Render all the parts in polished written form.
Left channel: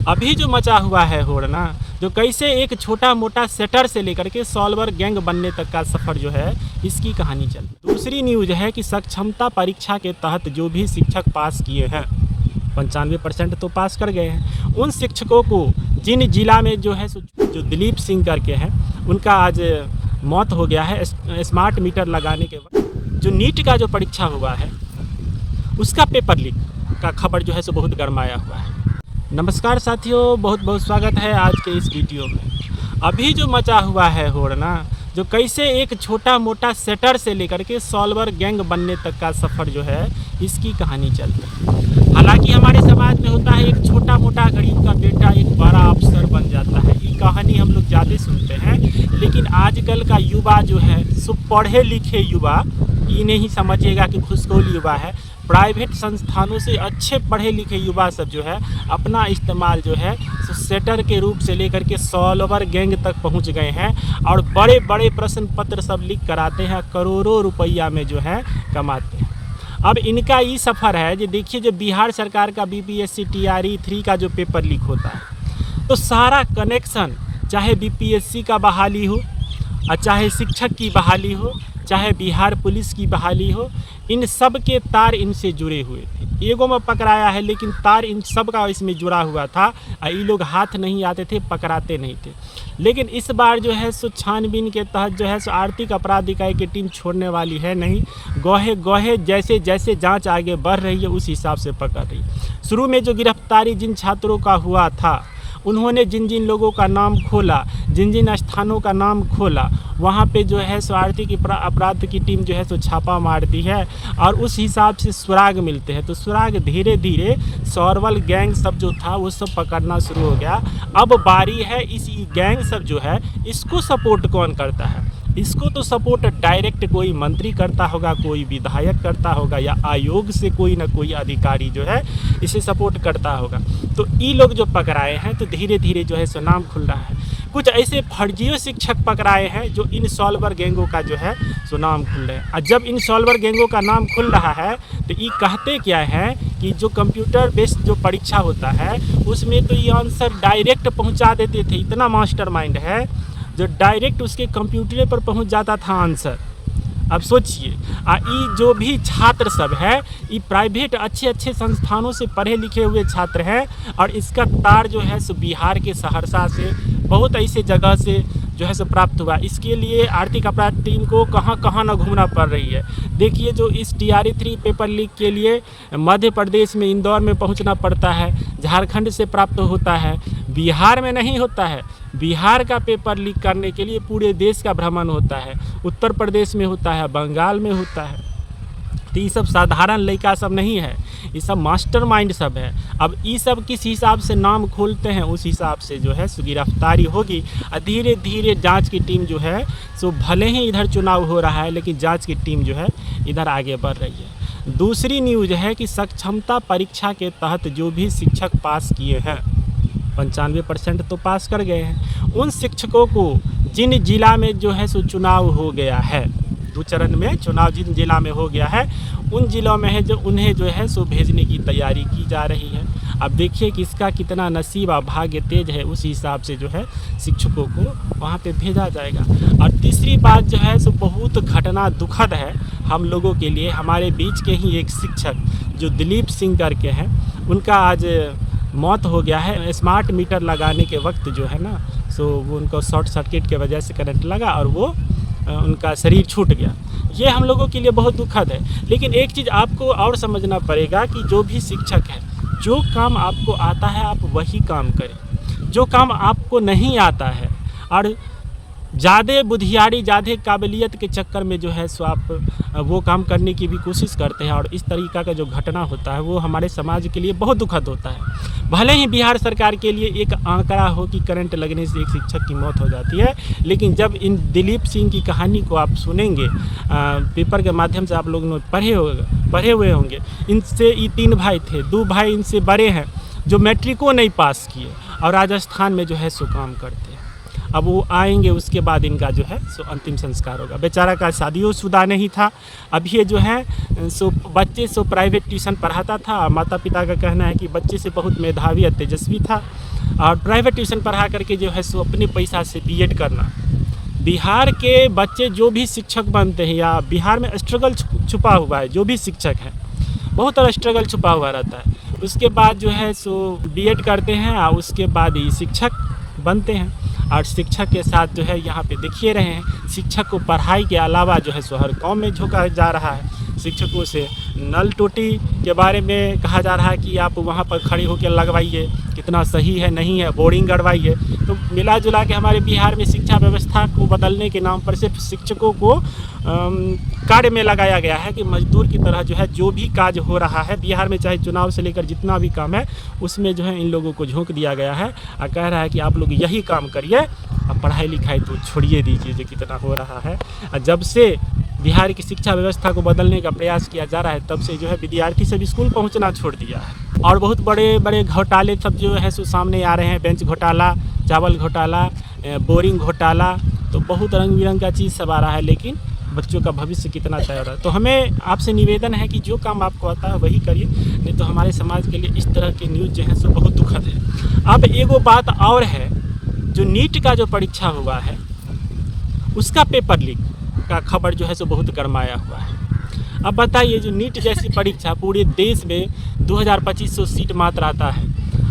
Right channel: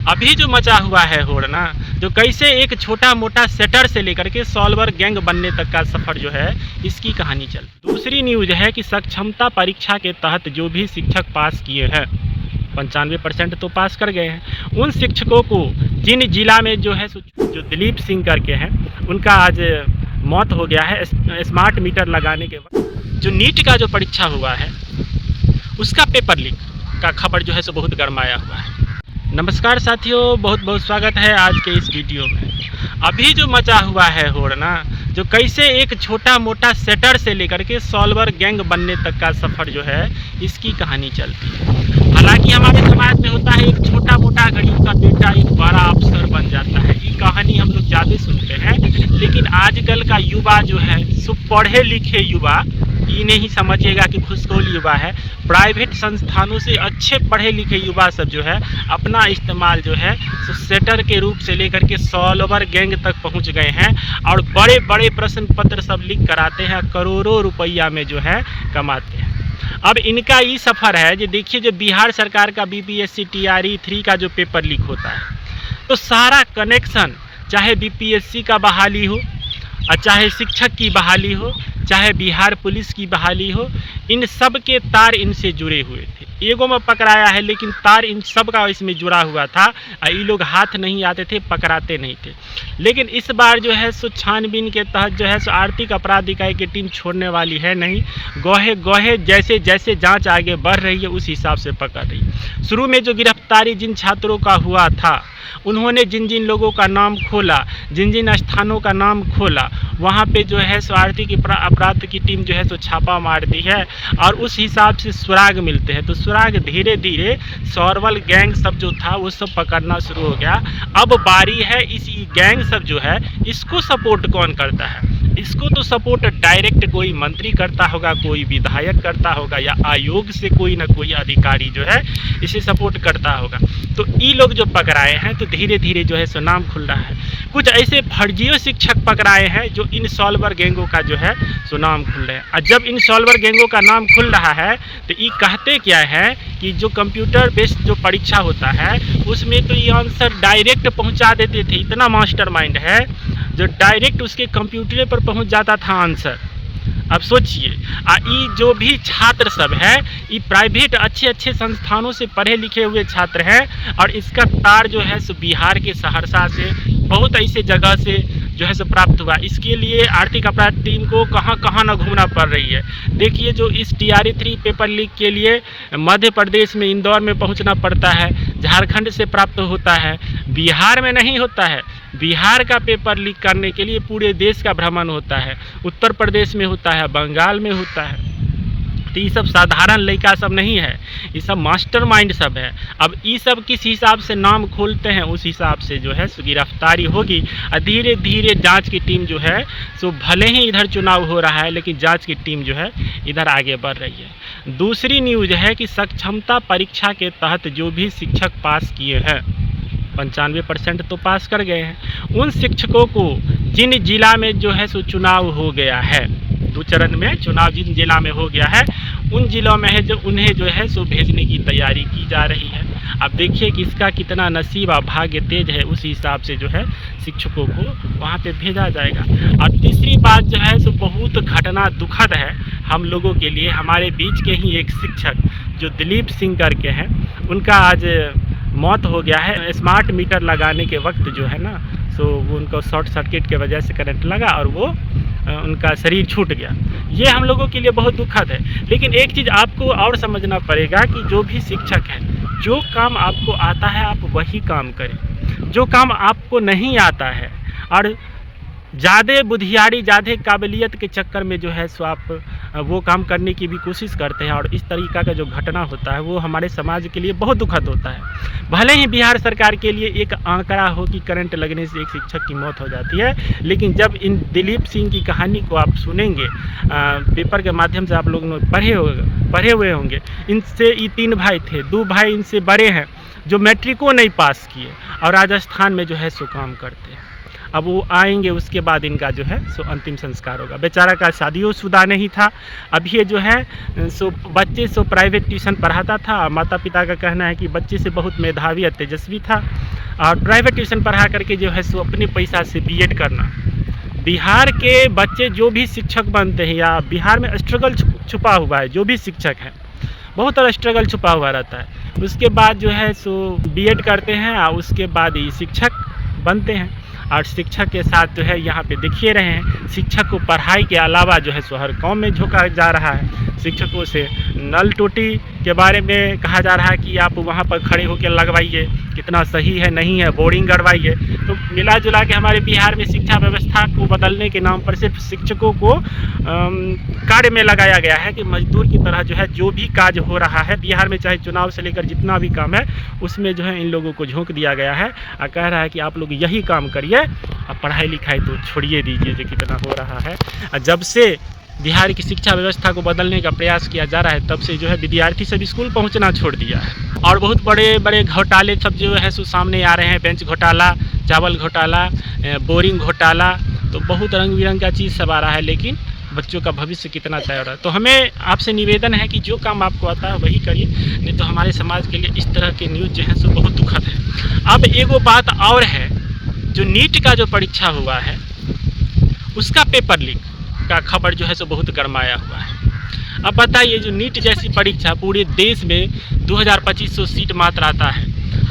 अभी जो मचा हुआ है होड़ ना, जो कैसे एक छोटा मोटा सेटर से लेकर के सॉल्वर गैंग बनने तक का सफ़र जो है, इसकी कहानी चल। दूसरी न्यूज़ है कि सक्षमता परीक्षा के तहत जो भी शिक्षक पास किए हैं 95% तो पास कर गए हैं। उन शिक्षकों को जिन जिला में जो है जो दिलीप सिंह करके हैं, उनका आज मौत हो गया है स्मार्ट मीटर लगाने के वक्त। जो नीट का जो परीक्षा हुआ है उसका पेपर लीक का खबर जो है सो बहुत गरमाया हुआ है। नमस्कार साथियों, बहुत बहुत स्वागत है आज के इस वीडियो में। अभी जो मचा हुआ है होड़ ना, जो कैसे एक छोटा मोटा सेटर से लेकर के सॉल्वर गैंग बनने तक का सफ़र जो है, इसकी कहानी चलती है। हालांकि हमारे समाज में होता है एक छोटा मोटा गरीब का बेटा एक बड़ा अफसर बन जाता है। ये कहानी हम लोग ज़्यादा सुनते हैं, लेकिन आजकल का युवा जो है सो पढ़े लिखे युवा, ये नहीं समझिएगा कि घुसखोर युवा है। प्राइवेट संस्थानों से अच्छे पढ़े लिखे युवा सब जो है अपना इस्तेमाल जो है सेटर के रूप से लेकर के सॉल्वर गैंग तक पहुंच गए हैं और बड़े बड़े प्रश्न पत्र सब लिख कराते हैं, करोड़ों रुपया में जो है कमाते हैं। अब इनका ये सफ़र है जो देखिए, जो बिहार सरकार का बीपीएससी टीआरई 3 का जो पेपर लीक होता है, तो सारा कनेक्शन चाहे बीपीएससी का बहाली हो, चाहे शिक्षक की बहाली हो, चाहे बिहार पुलिस की बहाली हो, इन सब के तार इनसे जुड़े हुए थे। एगो में पकड़ाया है, लेकिन तार इन सब का इसमें जुड़ा हुआ था। ये लोग हाथ नहीं आते थे, पकड़ाते नहीं थे। लेकिन इस बार जो है सो छानबीन के तहत जो है सो आर्थिक अपराध इकाई की टीम छोड़ने वाली है नहीं। गोहे गोहे जैसे जैसे जांच आगे बढ़ रही है उस हिसाब से पकड़ रही है। शुरू में जो गिरफ्तारी जिन छात्रों का हुआ था, उन्होंने जिन जिन लोगों का नाम खोला, जिन जिन स्थानों का नाम खोला, वहाँ पे जो है सो आर्थिक अपराध की टीम जो है सो छापा मार दी है और उस हिसाब से सुराग मिलते हैं। तो सुराग धीरे धीरे सॉल्वर गैंग सब जो था वो सब पकड़ना शुरू हो गया। अब बारी है इस गैंग सब जो है, इसको सपोर्ट कौन करता है? इसको तो सपोर्ट डायरेक्ट कोई मंत्री करता होगा, कोई विधायक करता होगा, या आयोग से कोई ना कोई अधिकारी जो है इसे सपोर्ट करता होगा। तो ये लोग जो पकड़ाए हैं तो धीरे धीरे जो है सो नाम खुल रहा है। कुछ ऐसे फर्जियों शिक्षक पकड़ाए हैं जो इन सॉल्वर गैंगों का जो है सो नाम खुल रहे हैं। और जब इन सॉल्वर गैंगों का नाम खुल रहा है तो ये कहते क्या है कि जो कंप्यूटर बेस्ड जो परीक्षा होता है उसमें तो ये आंसर डायरेक्ट पहुंचा देते थे। इतना मास्टरमाइंड है जो डायरेक्ट उसके कंप्यूटर पर पहुंच जाता था आंसर। अब सोचिए, ये जो भी छात्र सब है, ये प्राइवेट अच्छे अच्छे संस्थानों से पढ़े लिखे हुए छात्र हैं और इसका तार जो है सो बिहार के सहरसा से, बहुत ऐसे जगह से जो है सो प्राप्त हुआ। इसके लिए आर्थिक अपराध टीम को कहाँ कहाँ ना घूमना पड़ रही है। देखिए, जो इस टीआरई 3 पेपर लीक के लिए मध्य प्रदेश में इंदौर में पहुंचना पड़ता है, झारखंड से प्राप्त होता है, बिहार में नहीं होता है। बिहार का पेपर लीक करने के लिए पूरे देश का भ्रमण होता है, उत्तर प्रदेश में होता है, बंगाल में होता है। तो ये सब साधारण लड़का सब नहीं है, ये सब मास्टरमाइंड सब है। अब ये सब किस हिसाब से नाम खोलते हैं उस हिसाब से जो है सो गिरफ्तारी होगी। और धीरे धीरे जांच की टीम जो है सो, भले ही इधर चुनाव हो रहा है लेकिन जांच की टीम जो है इधर आगे बढ़ रही है। दूसरी न्यूज़ है कि सक्षमता परीक्षा के तहत जो भी शिक्षक पास किए हैं 95% तो पास कर गए हैं। उन शिक्षकों को जिन जिला में जो है सो चुनाव हो गया है, 2 चरण में चुनाव जिन जिला में हो गया है, उन जिलों में है जो उन्हें जो है सो भेजने की तैयारी की जा रही है। अब देखिए कि इसका कितना नसीब और भाग्य तेज है, उस हिसाब से जो है शिक्षकों को वहाँ पे भेजा जाएगा। और तीसरी बात जो है सो बहुत घटना दुखद है हम लोगों के लिए। हमारे बीच के ही एक शिक्षक जो दिलीप सिंह करके हैं, उनका आज मौत हो गया है। स्मार्ट मीटर लगाने के वक्त जो है ना सो वो उनको शॉर्ट सर्किट के वजह से करंट लगा और वो उनका शरीर छूट गया। ये हम लोगों के लिए बहुत दुखद है। लेकिन एक चीज़ आपको और समझना पड़ेगा कि जो भी शिक्षक है, जो काम आपको आता है आप वही काम करें। जो काम आपको नहीं आता है और ज़्यादा बुद्धियारी, ज़्यादा काबिलियत के चक्कर में जो है सो आप वो काम करने की भी कोशिश करते हैं और इस तरीक़ा का जो घटना होता है वो हमारे समाज के लिए बहुत दुखद होता है। भले ही बिहार सरकार के लिए एक आंकड़ा हो कि करंट लगने से एक शिक्षक की मौत हो जाती है, लेकिन जब इन दिलीप सिंह की कहानी को आप सुनेंगे, पेपर के माध्यम से आप लोगों ने पढ़े हुए होंगे। इनसे ये 3 भाई थे, 2 भाई इनसे बड़े हैं जो मैट्रिको नहीं पास किए और राजस्थान में जो है सो काम करते हैं। अब वो आएंगे, उसके बाद इनका जो है सो अंतिम संस्कार होगा। बेचारा का शादीशुदा नहीं था। अब ये जो है सो बच्चे सो प्राइवेट ट्यूशन पढ़ाता था। माता पिता का कहना है कि बच्चे से बहुत मेधावी और तेजस्वी था, और प्राइवेट ट्यूशन पढ़ा करके जो है सो अपने पैसा से बीएड करना। बिहार के बच्चे जो भी शिक्षक बनते हैं, या बिहार में स्ट्रगल छुपा हुआ है, जो भी शिक्षक हैं बहुत सारा स्ट्रगल छुपा हुआ रहता है। उसके बाद जो है सो बीएड करते हैं और उसके बाद ही शिक्षक बनते हैं। और शिक्षक के साथ जो है यहाँ पे देखिए रहे हैं, शिक्षक को पढ़ाई के अलावा जो है सो हर काम में झोंका जा रहा है। शिक्षकों से नल टोटी के बारे में कहा जा रहा है कि आप वहाँ पर खड़े होकर लगवाइए, कितना सही है नहीं है, बोरिंग गड़वाइए। तो मिला जुला के हमारे बिहार में शिक्षा व्यवस्था को बदलने के नाम पर सिर्फ शिक्षकों को कार्य में लगाया गया है कि मजदूर की तरह जो है जो भी काज हो रहा है बिहार में, चाहे चुनाव से लेकर जितना भी काम है उसमें जो है इन लोगों को झोंक दिया गया है और कह रहा है कि आप लोग यही काम करिए, अब पढ़ाई लिखाई तो छोड़िए दीजिए जो कितना हो रहा है। और जब से बिहार की शिक्षा व्यवस्था को बदलने का प्रयास किया जा रहा है तब से जो है विद्यार्थी सब स्कूल पहुंचना छोड़ दिया है। और बहुत बड़े बड़े घोटाले सब जो है सो सामने आ रहे हैं, बेंच घोटाला, चावल घोटाला, बोरिंग घोटाला, तो बहुत रंग बिरंग का चीज़ सब आ रहा है। लेकिन बच्चों का भविष्य कितना तय हो रहा है। तो हमें आपसे निवेदन है कि जो काम आपको आता है वही करिए, नहीं तो हमारे समाज के लिए इस तरह के न्यूज़ जो है सो बहुत दुखद है। अब एगो बात और है, जो नीट का जो परीक्षा हुआ है उसका पेपर लीक का खबर जो है सो बहुत गरमाया हुआ है। अब बताइए, जो नीट जैसी परीक्षा पूरे देश में 2500 सीट मात्र आता है,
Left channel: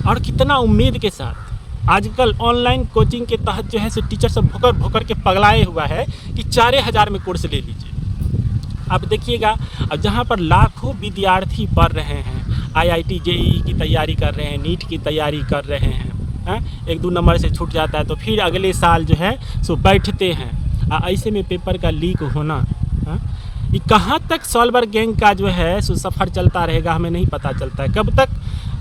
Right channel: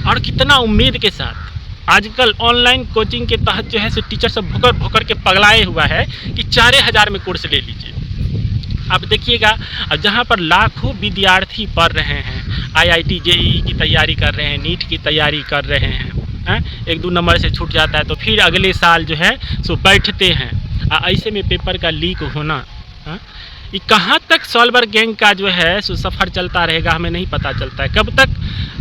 और कितना उम्मीद के साथ आजकल ऑनलाइन कोचिंग के तहत जो है सो टीचर सब भोकर भोकर के पगलाए हुआ है कि 4000 में कोर्स ले लीजिए। अब देखिएगा, अब जहाँ पर लाखों विद्यार्थी पढ़ रहे हैं, IIT JEE की तैयारी कर रहे हैं, नीट की तैयारी कर रहे हैं, 1-2 नंबर से छूट जाता है तो फिर अगले साल जो है सो बैठते हैं। ऐसे में पेपर का लीक होना, ये कहाँ तक सॉल्वर गैंग का जो है सो सफ़र चलता रहेगा हमें नहीं पता चलता है। कब तक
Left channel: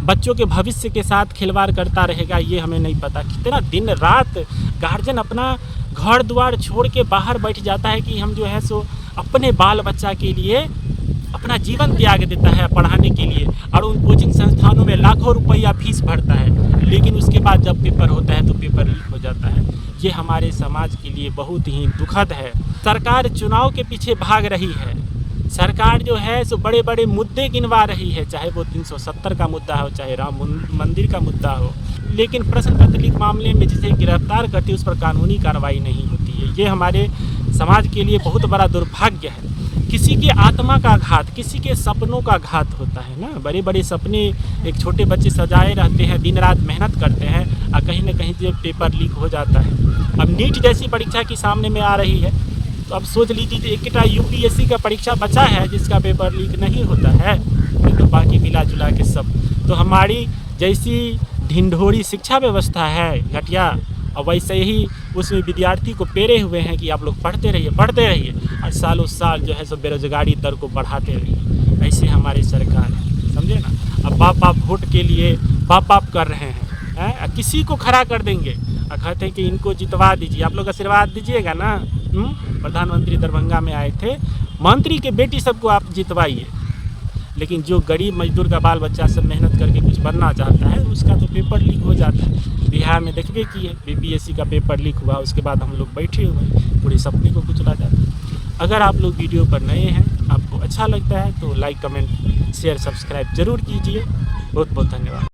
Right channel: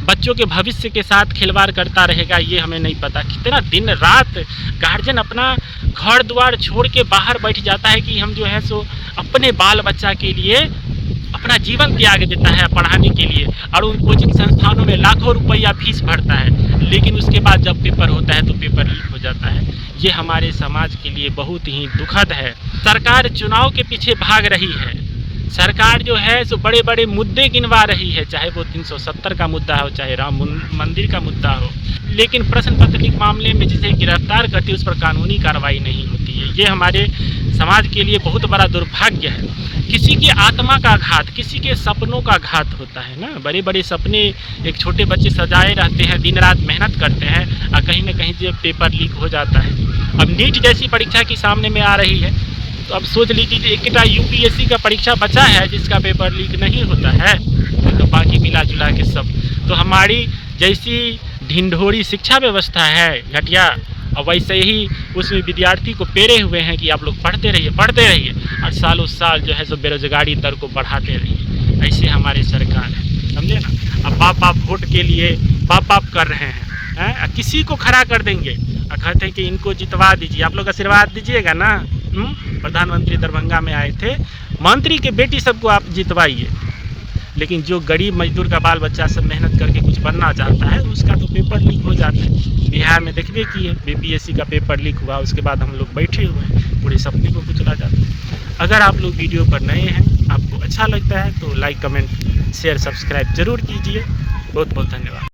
बच्चों के भविष्य के साथ खिलवाड़ करता रहेगा ये हमें नहीं पता। कितना दिन रात गार्जियन अपना घर द्वार छोड़ के बाहर बैठ जाता है कि हम जो है सो अपने बाल बच्चा के लिए अपना जीवन त्याग देता है पढ़ाने के लिए, और उन कोचिंग संस्थानों में लाखों रुपया फीस भरता है, लेकिन उसके बाद जब पेपर होता है तो पेपर लीक हो जाता है। ये हमारे समाज के लिए बहुत ही दुखद है। सरकार चुनाव के पीछे भाग रही है, सरकार जो है सो बड़े बड़े मुद्दे गिनवा रही है, चाहे वो 370 का मुद्दा हो, चाहे राम मंदिर का मुद्दा हो, लेकिन प्रश्न पत्र लीक मामले में जिसे गिरफ्तार करती है उस पर कानूनी कार्रवाई नहीं होती है। ये हमारे समाज के लिए बहुत बड़ा दुर्भाग्य है। किसी की आत्मा का घात, किसी के सपनों का घात होता है ना। बड़े बड़े सपने एक छोटे बच्चे सजाए रहते हैं, दिन रात मेहनत करते हैं, और कहीं ना कहीं जो पेपर लीक हो जाता है। अब नीट जैसी परीक्षा की सामने में आ रही है, तो अब सोच लीजिए एक UPSC का परीक्षा बचा है जिसका पेपर लीक नहीं होता है, तो बाकी मिला जुला के सब। तो हमारी जैसी ढिंढोरी शिक्षा व्यवस्था है घटिया, और वैसे ही उसमें विद्यार्थी को पेरे हुए हैं कि आप लोग पढ़ते रहिए, और सालों साल जो है सो बेरोजगारी दर को बढ़ाते रहिए। ऐसे हमारी सरकार है, समझे ना। अब बाप वोट के लिए बाप कर रहे हैं, किसी को खड़ा कर देंगे और कहते हैं कि इनको जितवा दीजिए, आप लोग आशीर्वाद दीजिएगा ना। प्रधानमंत्री दरभंगा में आए थे, मंत्री के बेटी सबको आप जितवाइए, लेकिन जो गरीब मजदूर का बाल बच्चा सब मेहनत करके कुछ बनना चाहता है उसका तो पेपर लीक हो जाता है। बिहार में देखबे किए, BPSC का पेपर लीक हुआ, उसके बाद हम लोग बैठे हुए हैं, पूरे सपने को कुचला जाता है। अगर आप लोग वीडियो पर नए हैं, आपको अच्छा लगता है तो लाइक, कमेंट, शेयर, सब्सक्राइब जरूर कीजिए। बहुत बहुत धन्यवाद।